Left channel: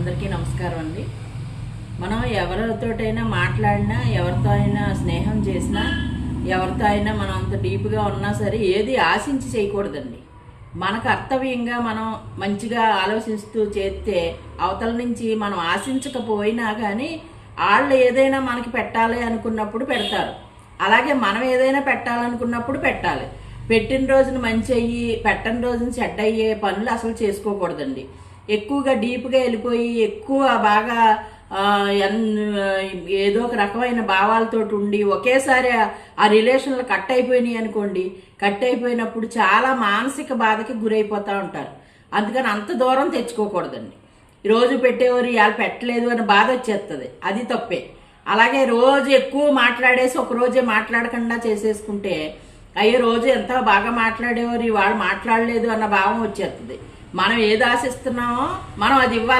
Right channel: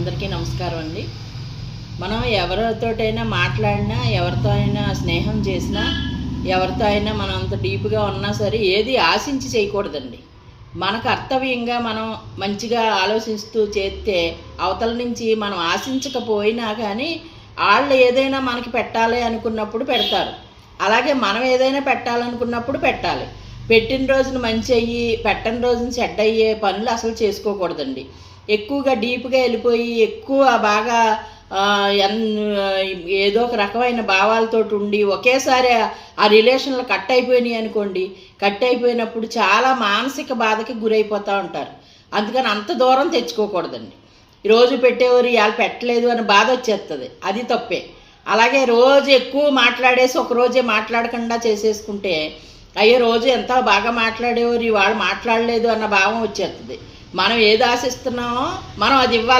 అందరికీ నమస్కారం అండి. మనం ఎవరితోటైనా మాట్లాడినా, ఎవరితో అయినా స్నేహం చేసినా, ఎవరితో అయినా మనం అంత డీప్గా ఉన్నా సరే ఏది ఆశించి చేయకూడదండి. మన కర్తవ్యంగా మనం మంచిగా ఆలోచిస్తూ చేస్తే అవతల నుంచి మనం ఆశించకపోయినా కానీ వాళ్ళు ఏదైనా మనకి పెట్టాలి అనుకున్నప్పుడు పెడతారు. అలాగే మనం ఏదైనా పెట్టాలనుకున్నప్పుడు పెట్టాలి. పెట్టిన రోజున మంచి అయ్యి పెట్టని రోజున చెడ్డ అయ్యే పనులు అసలు చేసుకోకూడదండి. ఎక్కువగా డీప్గా వెళ్ళిపోయి ఎక్కువ బాగా ఏదో ఒక రకమైన భావాలతోటి ఉండి ఒకేసారి ఆ రిలేషన్లు కట్ అయిపోయినాయి అనుకోండి. కట్ అయిపోయినప్పుడు చాలా మానసిక బాధకి గురైపోతూ ఉంటారు. అందుకని అంత దూరం తెచ్చుకోకూడదండి. రోజు పెట్టేవారు ఇవాళ పెట్టలేదు అని బాధ వచ్చేస్తుంది, అది తప్పే. అలాగే రోజు ఎక్కువ మాట్లాడేసి ఒక రోజే మాట్లాడకుండా చేసేసుకుంటే అయ్యే రోజు ఎంత బాగా మాట్లాడేవారు ఇవాళ మాట్లాడలేదు అన్న భావం వచ్చేస్తుంది. మనం ఏది ఆశిస్తున్నామో మనం అది ఇవ్వాలి.